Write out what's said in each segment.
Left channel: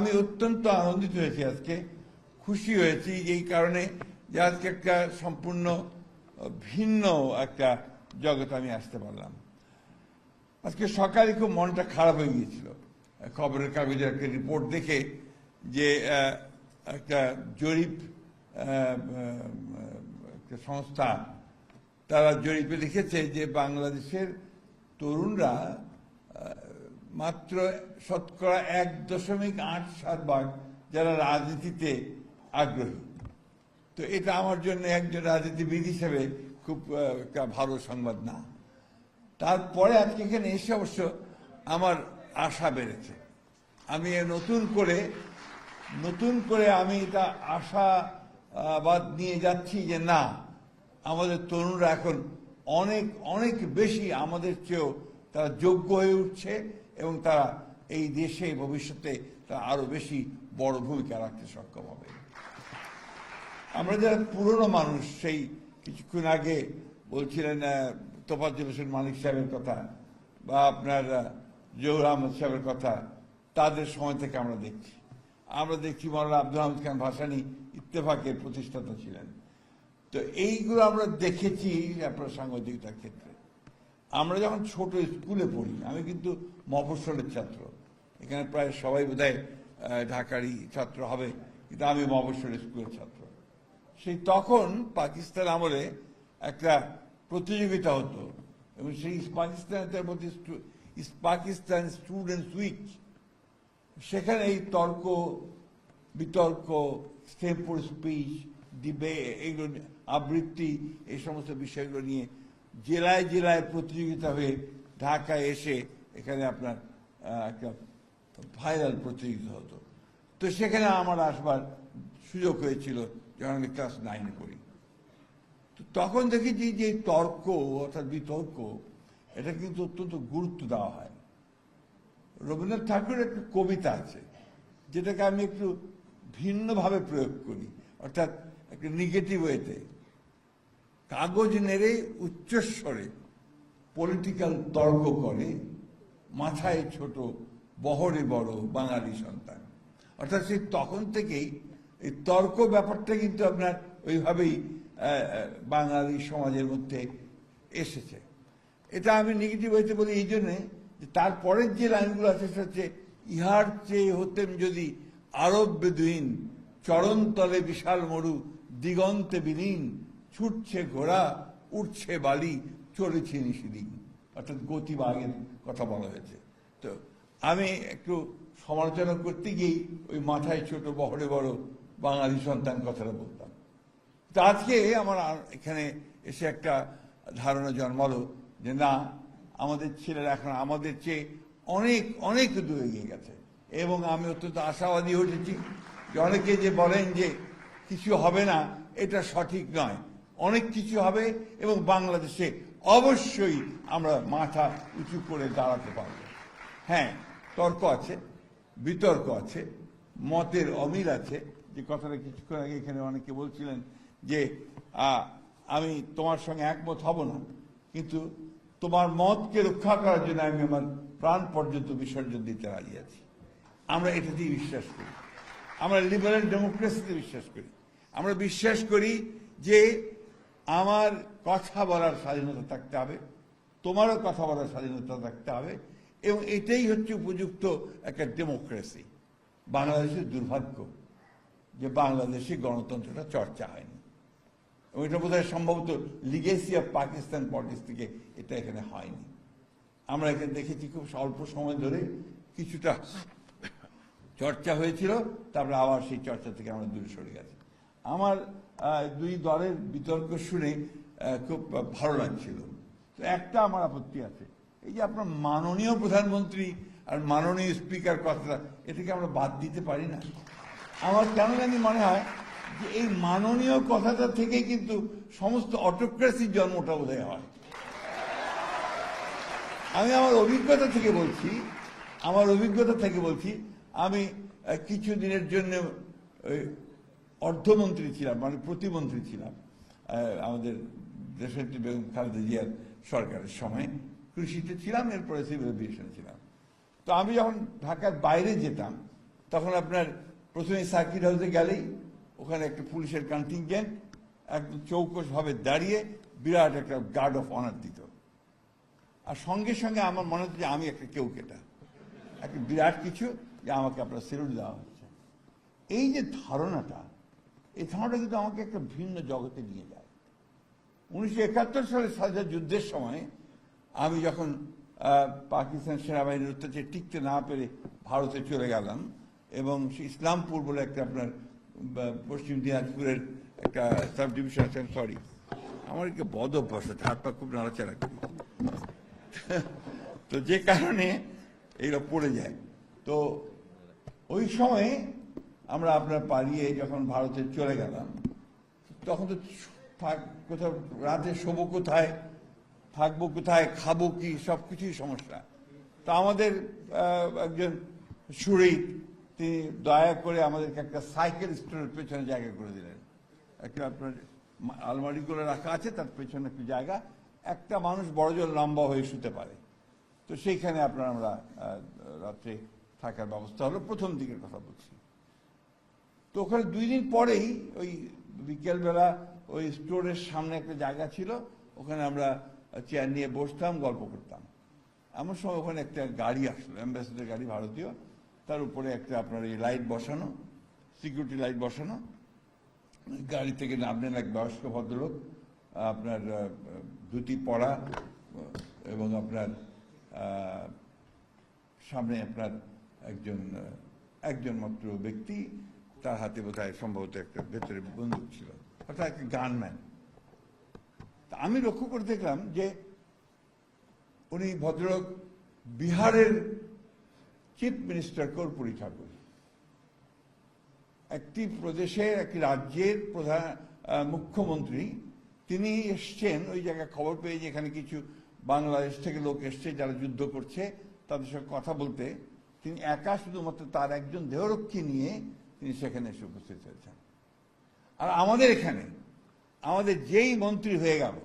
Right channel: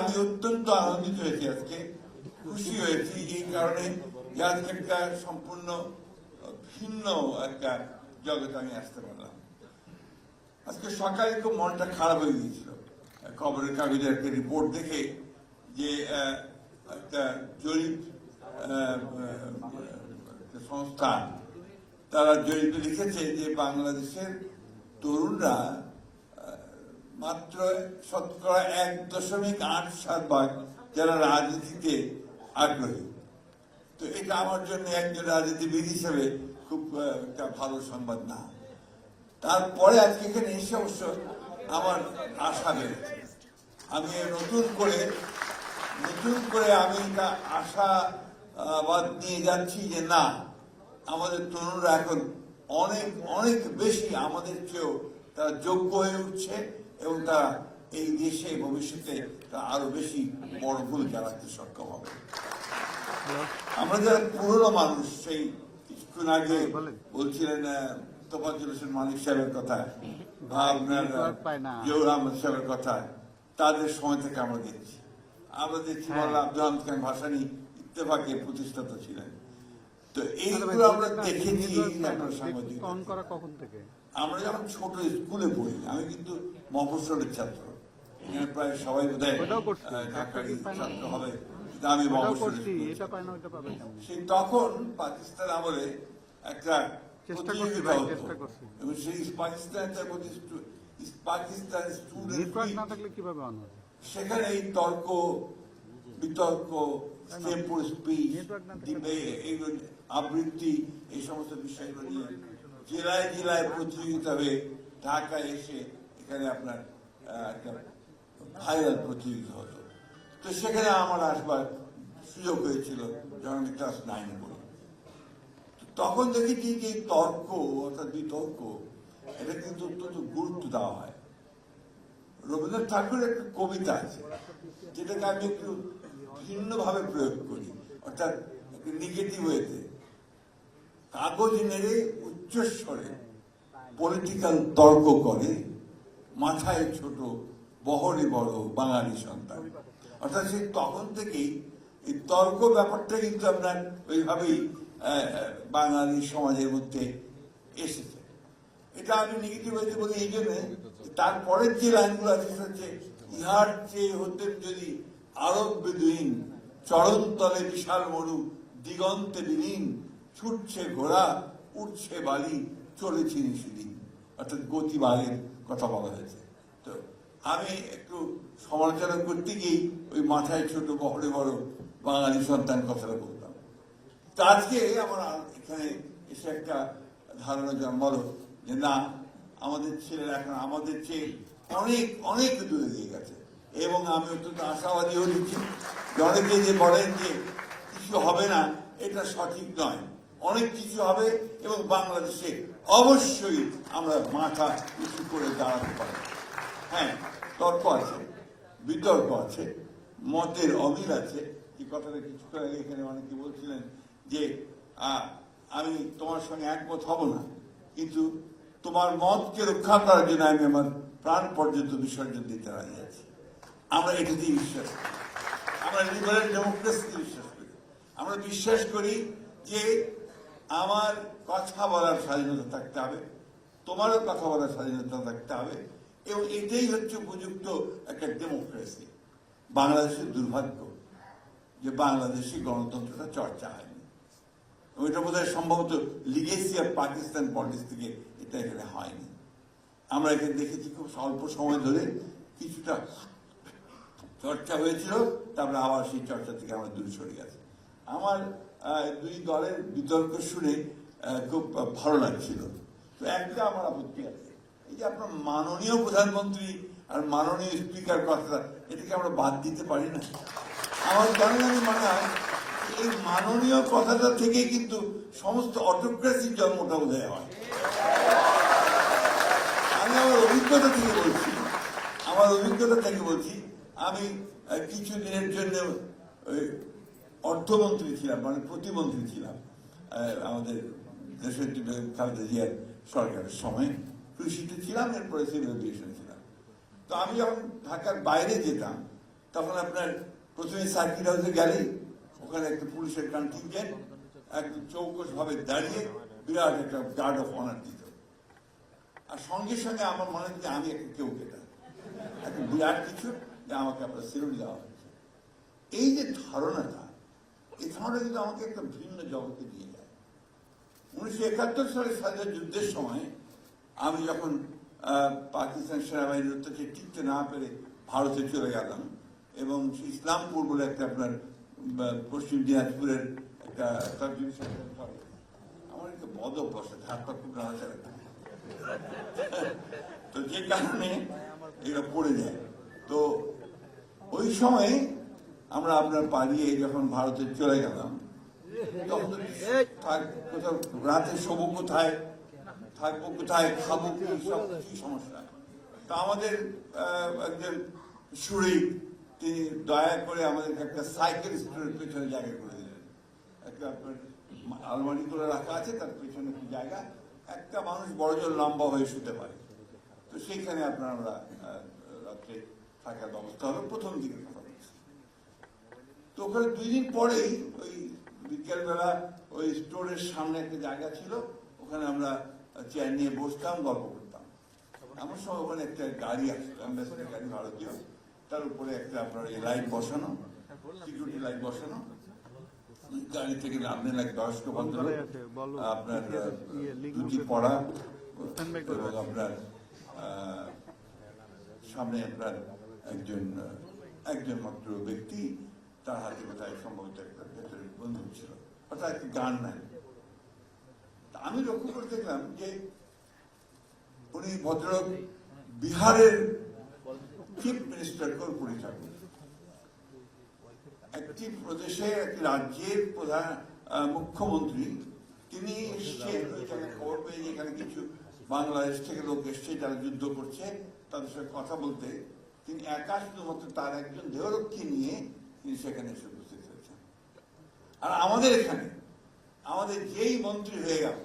আমি অত্যন্ত আনন্দিত হয়েছি আজকে। খুশি হয়েছি এই কারণে যে আজকে একটা সম্পূর্ণ, ভিন্ন একটা জগতে আমি আসতে পারলাম। আজকে সকালে খুব মনটা খারাপ হয়ে গিয়েছিল। খবরের কাগজে একটা রিপোর্ট দেখে যে একটা জরিপ সংস্থা, তারা জরিপে লিখেছে যে বাংলাদেশের তরুণরা মাত্র শতকরা এক দশমিক আট ভাগ যারা রাজনীতিতে আগ্রহী। তো এটা আমার জন্য একজন রাজনীতিবিদ হিসেবে খুব ভালো সংবাদ না। তারপরে আজকে এখানে এসে অবশ্য আমার আশা বেড়েছে। আমি নতুন করে নতুন করে আমি এটা আশাবাদ নিয়ে যাচ্ছি যে না, আমাদের তরুণরা এখন অনেক অনেক বেশি আমাদের চেয়েও তারা যোগ্য হয়ে উঠছে। এবং তারা এই দেশে ভবিষ্যতে আরও বেশি বড় ভূমিকা রাখতে সক্ষম হবে। আমরা যারা পুরনো মানুষ সেই কিছুক্ষণ আগে বলছিলেন আহ, তোফাজ্জল হোসেন মানিক সাহেবের কথা বা আপনার জহুর আহমদ সাহেবের কথা তাদের সময় থেকে আমরা দেখছি। আমরা দেখছি বলা আব্দুল খান ভাসানি ইত্তেফাকের প্রতিষ্ঠাতা ছিলেন। তো এইগুলো আমরা দেখেছি আপনার সাংবাদিক আমরা যখন ছোট স্কুলে পড়ি আমি কিন্তু মফস্বলের ছাত্র। এখানে প্রায় সবাই বোধহয় ঢাকারই ছাত্র হবে। আমি কেমন? সেই তখন পাকিস্তান আমলে একটা প্রতিযোগিতা হতো। এবং সেই পাকিস্তানের মধ্যে পাকিস্তান স্টুডেন্ট সেখানে এই তর্ক বিতর্ক স্টেম্পল স্পিচ এইগুলো আবৃত্তি এই সমস্ত বিষয়গুলো নিয়ে জেলায় জেলায় প্রতিযোগিতা হয়ে ঢাকায় এসে এখানে আপনার একটা ভাইরাল প্রতিযোগিতা হতো। তো সেখানে আমার আসবার সুযোগ হয়েছিল যখন আমি ক্লাস নাইন পড়ি। তখন দেখেছি যে তর্ক অর্থাৎ বিতর্ক এটা কিন্তু অত্যন্ত গুরুত্ব দেওয়া হয়। রবীন্দ্রনাথ ঠাকুরের একটা কবিতা আছে যেটাকে আমি একটু ভিন্নভাবে প্রয়োগ করি। অর্থাৎ একটা নেগেটিভ ওয়েতে কাগজ নেড়ে উচ্চস্বরে পলিটিক্যাল তর্ক করে, মাথায় ছোট, বহরে বড় বাঙালি সন্তান। অর্থাৎ সেই তখন থেকেই এই তর্ক ব্যাপারটা কিন্তু আপনার ওইভাবেই বাঙালি সমাজের মধ্যে এসেছে। এটা আমি নেগেটিভ হইতে বলি এই জন্য তারপরের যে লাইনগুলো আছে সেটা হচ্ছে, ইহার চেয়ে হতেন যদি আরব বেদুইন চরণতলে বিশাল মরু, দিগন্তে বিলীন, ছুটছে ঘোড়া, উঠছে বালি চলেছে নিষিদিন অর্থাৎ গতিবারের কথা বলা হয়েছে। তো আমি একটু সমালোচনা করতে গিয়ে ওই মাথায় ছোট বহরে বড় বাঙালি সন্তান কথাটা বললাম। তা আজকে আমার এখানে এসে একটা ধারণা জন্মালো যে না, আমাদের ছেলেরা এখন আমাদের চেয়ে অনেক অনেক দূরে এগিয়ে গেছে। এবং আমি অত্যন্ত আশাবাদী যে অনেকে যে বলেন যে কিছু হবে না, এটা সঠিক নয়। অনেক কিছু হবে এবং বাংলাদেশে অবশ্যই আমরা মাথা উঁচু করে দাঁড়াতে পারি হ্যাঁ তর্ক আছে, বিতর্ক আছে, মতের অমিল আছে। যে কথাটা কিছুক্ষণ আগে এখানে অনেকে বলছিলেন যে আমি তোমার সঙ্গে একমত হব না। কিন্তু তোমার মতকে রক্ষা করার জন্য আমি আমার প্রাণ পর্যন্ত বিসর্জন দিতে রাজি আছি। আমরা এটাতেই বিশ্বাস করি। আমরা লিবারেল ডেমোক্রেসিতে বিশ্বাস করি। আমরা বিশ্বাস করি যে আমার কথা বলার স্বাধীনতা থাকতে হবে, তোমারও কথা বলার স্বাধীনতা থাকতে হবে এবং এটাই হচ্ছে উপযুক্ত একটা ডেমোক্রেসি বাংলাদেশের দুর্ভাগ্য যে বাংলাদেশি গণতন্ত্রটা চর্চা হয়নি। ওইটা বোধ হয় সম্ভবত লিগেসি অফ পাকিস্তান পলিটিক্স থেকে এটা এখানে হয়নি। আমরা এটা দেখেছি খুব অল্প সময় ধরে, কিছুটা চর্চা হয়েছিল, তারপরে আবার সেই চর্চা থেকে আমরা দূরে সরে গেছে। আমার দুই দলের বিতর্ক শুনে খুব ভালো লাগছিল। তো একটা আমার আপত্তি আছে। এই যে আপনার মাননীয় প্রধানমন্ত্রী আর মাননীয় স্পিকার কথা এটাকে আমরা বাদ দিতে পারি না। আমার কারণে আমি মনে হয় যে এই মাননীয় কথাটা থেকেই কিন্তু সমস্ত অটোক্রেসির জন্মটা বোধহয় হয়। আমি আমার অভিজ্ঞতা থেকে বলছি, আমার অভিজ্ঞতা থেকে বলছি আমি কিছু দিনের জন্য অর্থমন্ত্রী ছিলাম মানে প্রতিমন্ত্রী ছিলাম আমাদের দেশের খালেদা জিয়ার সরকারের সময়। কৃষিতে ছিলাম, এরপরে সিভিল এভিয়েশন ছিলাম। তো আমি যখন ঢাকার বাইরে যেতাম, তখন আপনার প্রথমে সার্কিট হাউসে গেলেই ওখানে একটা পুলিশের কন্টিনজেন্ট একদম চৌকস ভাবে দাঁড়িয়ে বিরাট একটা গার্ড অফ অনার দিত। আর সঙ্গে সঙ্গে আমার মনে হচ্ছে আমি একটা কেউ কেটা, একটা বিরাট কিছু। যে আমাকে আপনার সেলুট দেওয়া হচ্ছে। এই যে ধারণাটা, এই ধারণাটা কিন্তু আমাকে একটা ভিন্ন জগতে নিয়ে যায়। উনিশশো একাত্তর সালের স্বাধীনতা যুদ্ধের সময় আমি যখন পাকিস্তান সেনাবাহিনীর অত্যাচারে টিকতে না পেরে ভারতে চলে গেলাম এবং ইসলামপুর বলে একটা আপনার পশ্চিম দিনাজপুরের একটা সাব ডিভিশন সরি আমার একটা বদ অভ্যাস আছে, হাত পা খুব নাড়াচাড়া। তো যে কারণে এগুলো পড়ে যায়। তো সময় আমরা আপনার পালিয়ে যখন ভারতে চলে গেলাম, তখন তো কোথাও রাতে শোবো কোথায়, থাকব কোথায়, খাব কি, সব কিছুই সমস্যা। তা আমাদের একজন সুরি, তিনি দয়া করে আমাদেরকে একটা সাইকেল স্টোরের পেছনে জায়গা করে দিলেন। একটা আপনার আলমারি করে রাখা আছে, তার পেছনে একটি জায়গা। একটা মানুষ বড় জোর লম্বা হয়ে শুতে পারে। তো সেইখানে আপনার আমরা রাত্রে থাকার ব্যবস্থা হলো, প্রথম দিকের কথা বলছি। তো ওখানে দুই দিন পরেই ওই বিকেলবেলা ওই স্টোরের সামনে একটা জায়গা ছিল, ওখানে আমরা চেয়ার নিয়ে বসতাম, গল্প করতাম। এমন সময় ওখানে একটা গাড়ি আসলো অ্যাম্বাসেডার গাড়ি, ভারতীয়। তার উপরে একটা আপনার এই লাইট বসানো সিকিউরিটি লাইট বসানো। গাড়ি থেকে নামলেন এক বয়স্ক ভদ্রলোক, আপনার ধুতি পরা এবং আপনার সামনে আপনার একজন একজন মাত্র ব্যক্তি, তার হাতে বোধহয় সম্ভবত একটা ভেতরে বন্দুক ছিল। অর্থাৎ একটা গানম্যান। তা আমি লক্ষ্য করে দেখলাম যে উনি ভদ্রলোক বিহারের চিফ মিনিস্টার কর্পূরী ঠাকুর। একটি প্রদেশের একটি রাজ্যের প্রধান মুখ্যমন্ত্রী, তিনি এসছেন, ওই জায়গায় খবর পেয়ে যে এখানে কিছু বাংলাদেশ থেকে লোক এসছে যারা যুদ্ধ করছে, তাদের সঙ্গে কথা বলতে তিনি একা শুধুমাত্র তার একজন দেহরক্ষী নিয়ে তিনি সেখানে এসে উপস্থিত হয়েছেন। আর আমাদের এখানে, আমাদের যেই মন্ত্রী হয়ে গেল,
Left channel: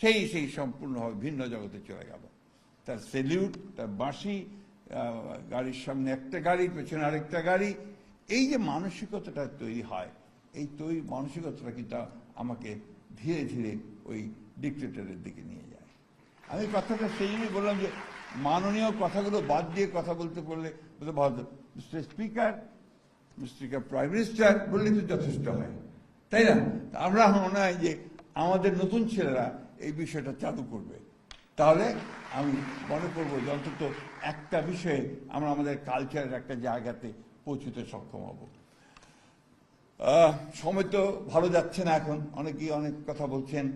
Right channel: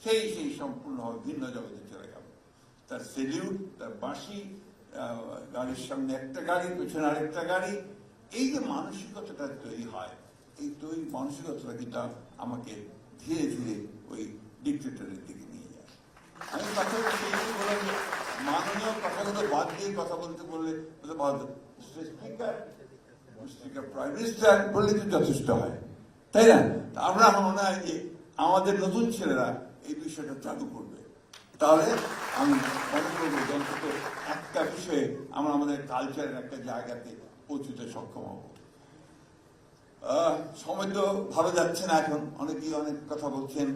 সেই সেই সম্পূর্ণভাবে ভিন্ন জগতে চলে গেল। তার সেলিউট তার বাঁশি গাড়ির সামনে একটা গাড়ি, পেছনে আরেকটা গাড়ি, এই যে মানসিকতাটা তৈরি হয়, এই তৈরি মানসিকতাটা কিন্তু আমাকে ধীরে ধীরে ওই ডিক্টেটরের দিকে আমি কথাটা সেই জন্য বললাম যে মাননীয় কথাগুলো বাদ দিয়ে কথা বলতে বললে বলে ভদ্র mister speaker mister prime minister বলে তো যথেষ্ট হয়। তাই না? আমরা আমার মনে হয় যে আমাদের নতুন ছেলেরা এই বিষয়টা চালু করবে। তাহলে আমি মনে করব অন্তত একটা বিষয়ে আমরা আমাদের কালচারের একটা জায়গাতে পৌঁছতে সক্ষম হব। সময় তো ভালো যাচ্ছে না এখন। অনেকেই অনেক কথা বলছেন।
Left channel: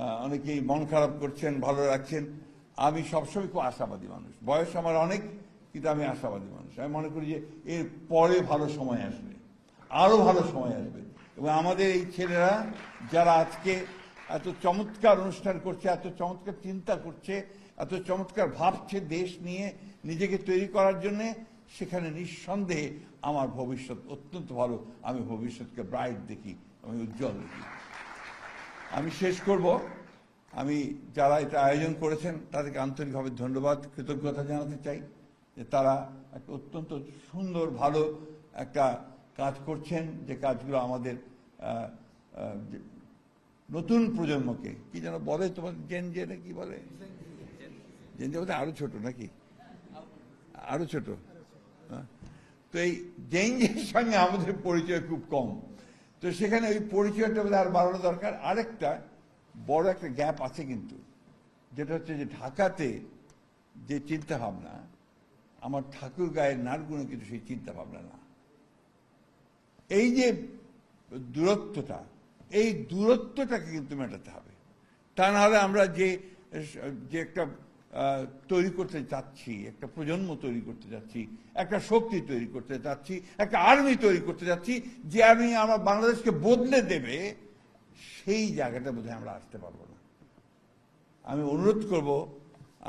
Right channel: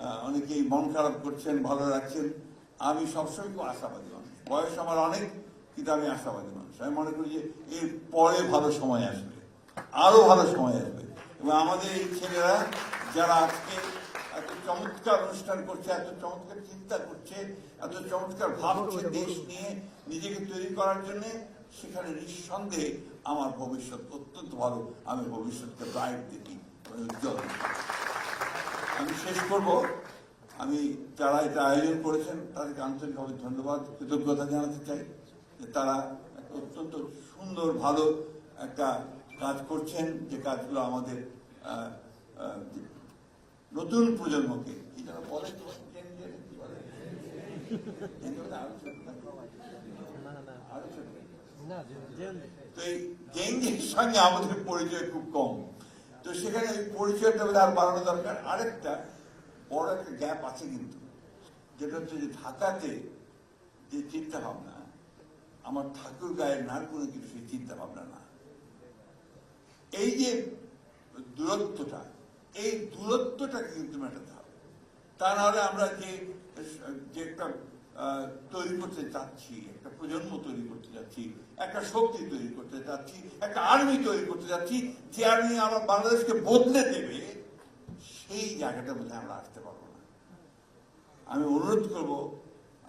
অনেকেই মন খারাপ করছেন, ভালো রাখছেন আমি সবসময় খুব আশাবাদী মানুষ। বয়স আমার অনেক, কিন্তু আমি আশাবাদী মানুষ। আমি মনে করি যে এর পরে ভালো সময় আসবে। আরও ভালো সময় আসবে। এবং আমাদের এই ছেলেরা যারা আজকে এত চমৎকার অনুষ্ঠান করছে, এত চমৎকার চিন্তা করছে, এত চমৎকার ভাবছে দেশ নিয়ে, নিজেকে তৈরি করার জন্য, সেখানে নিঃসন্দেহে আমার ভবিষ্যৎ অত্যন্ত ভালো। আমি ভবিষ্যৎকে ব্রাইট দেখি, আমি উজ্জ্বল আমি শেষ করব। আমি যারা এটা আয়োজন করেছেন তাদেরকে আন্তরিকভাবে ধন্যবাদ কৃতজ্ঞতা জানাতে চাই যে তারা অত্যন্ত সুন্দর ভালো একটা কাজ করছেন যে কাজগুলো আমাদের নতুন প্রজন্মকে কি যেন বলে তোমার জেন জেনে কি বলে? জেন জে বলতে আরও ছোট নাকি? আরও ছোট? তো এই জেনজির সঙ্গে আমাদের পরিচয় খুব কম। তো সেখানে ওই পরিচয়টা হলে আর বাড়ানো দরকার। আরেকটা বড় একটা গ্যাপ আছে কিন্তু। যেটা হচ্ছে যে ঢাকাতে যে চিন্তা ভাবনা আমার ঠাকুর গায়ের নাড়গুলো কিন্তু সেই চিন্তা ভাবনা না। এই যে দূরত্বটা, এই দূরত্বটাকে কিন্তু মেটাতে হবে। তা নাহলে আমরা যে যে একটা তৈরি করতে চাচ্ছি, একটা প্রজন্ম তৈরি করতে যাচ্ছি একটা শক্তি তৈরি করতে যাচ্ছি একটা আর্মি তৈরি করতে যাচ্ছি যে আর্মি আমার বাংলাদেশকে বদলে দেবে সেই জায়গাটা বোধহয় আমরা আসতে পারব না। আমি অনুরোধ করব,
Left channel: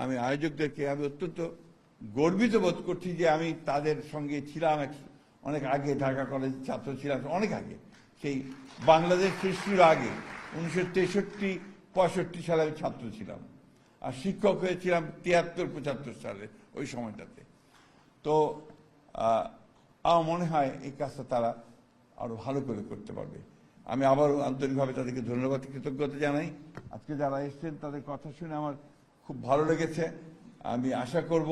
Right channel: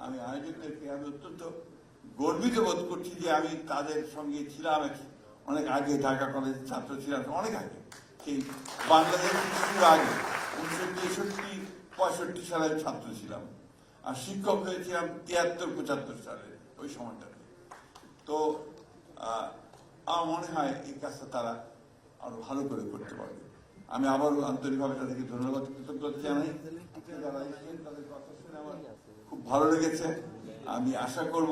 আমি আয়োজকদেরকে, আমি অত্যন্ত গর্বিত বোধ করছি যে আমি তাদের সঙ্গে ছিলাম অনেক আগে ঢাকা কলেজের ছাত্র ছিলাম, অনেক আগে, সেই বাংলাদেশ সৃষ্টির আগে, উনিশশো তেষট্টি, পঁয়ষট্টি সালের ছাত্র ছিলাম। আর শিক্ষক হয়েছিলাম তিয়াত্তর, পঁচাত্তর সালে, ওই সময়টাতে। তো আমার মনে হয় এই কাজটা তারা আরও ভালো করে করতে পারবে। আমি আবারও আন্তরিকভাবে তাদেরকে ধন্যবাদ কৃতজ্ঞতা জানাই। আজকে যারা এসেছেন, তাদের কথা শুনে আমার খুব ভালো লেগেছে। আমি আশা করব,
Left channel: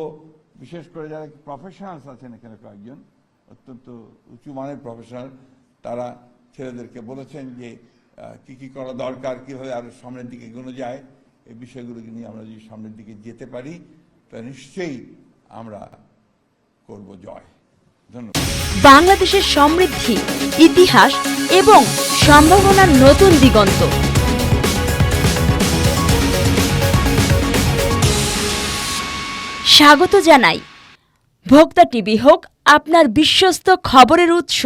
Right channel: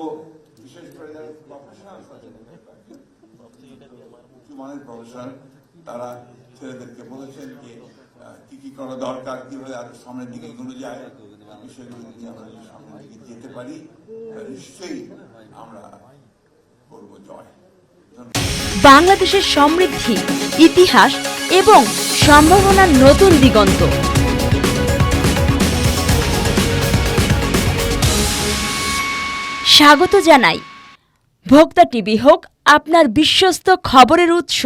বিশেষ করে যারা প্রফেশনালস আছেন এখানে কয়েকজন, অত্যন্ত উঁচু মানের প্রফেশনাল তারা ছেলেদেরকে বলেছেন যে কি কি করা দরকার, কীভাবে আরও সামনের দিকে এগোনো যায়, এই বিষয়গুলো নিয়ে আমরা যদি সামনের দিকে যেতে পারি নিশ্চয়ই আমরা করব জয়। বাংলাদেশের সমৃদ্ধি, ইতিহাস এবং সম্ভাবনার নতুন দিগন্ত। স্বাগত জানাই। ভোক্তা টিভি হোক, আপনার বিশ্বস্ত খবরের উৎস।